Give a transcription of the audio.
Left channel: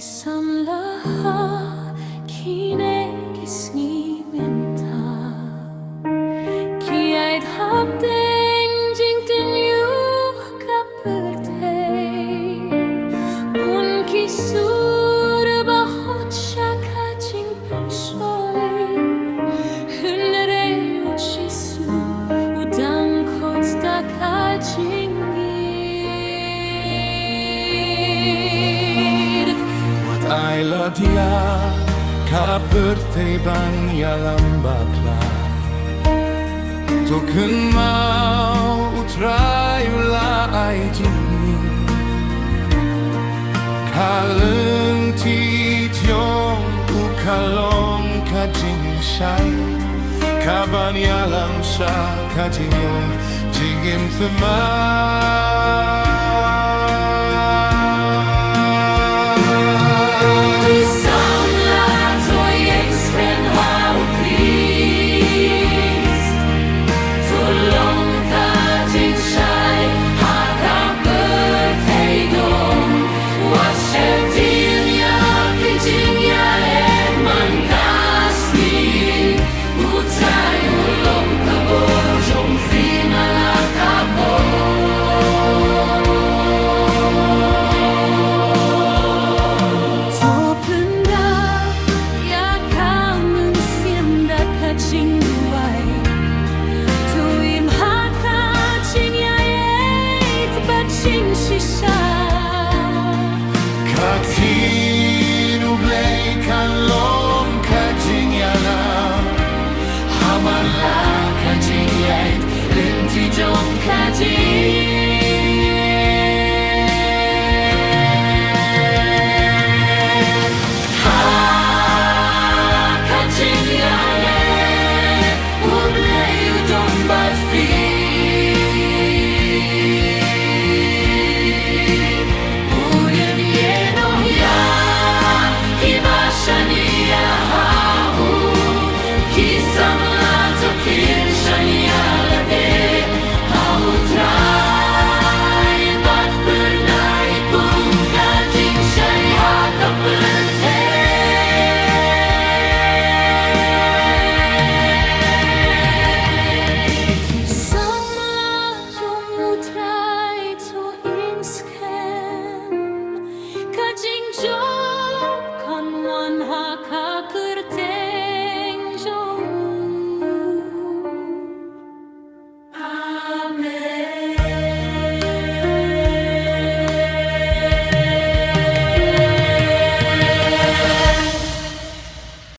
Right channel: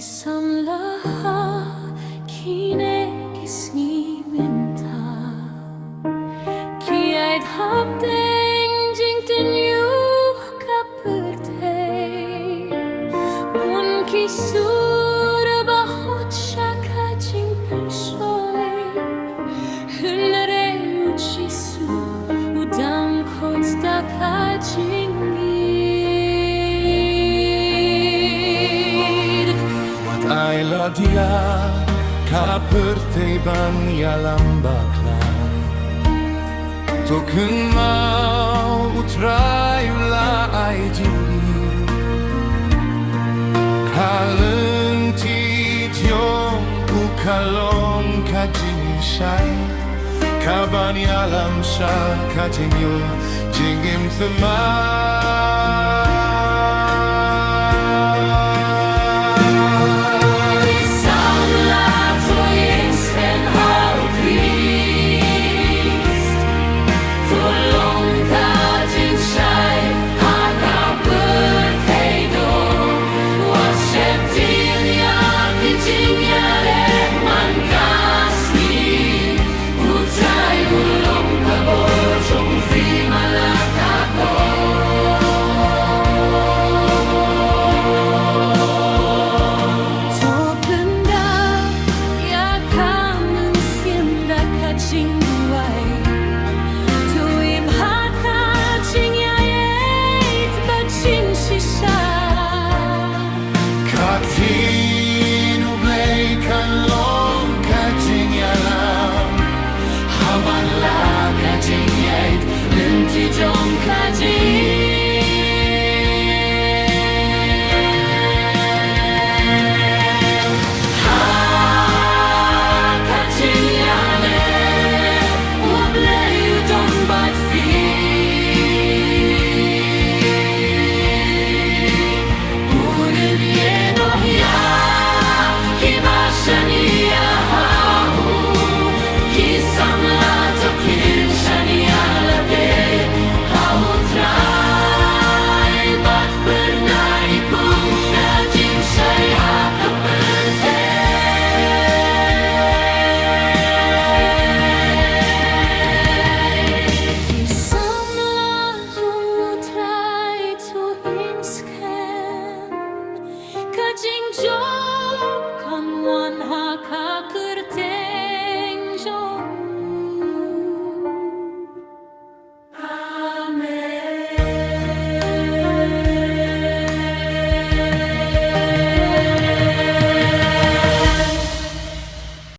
Kisamlaha kinegisngiminta Kiait hapdeng jingten yu kapurtei Bun kisur bahut shaka jing pensoi Hunre uchisu udang kot takajingi Ayla dia kapurtei bang yalam bakla Tokun mau utrayula ay jingin Kaleng ti tiong ukalong kajing shay Kaban yalam sha kajing yung jingim themay Jing duai tuim haka jing yait but jing shisha Katin ublay kan long ka jing yalam Haman la ka jing yait linti jong ka jing Kisamla to kirshania lade hautrai bat pernai kunga jing shai hakapute Kisamla jumutrai to inskem kajing job kan wan hakakirteng job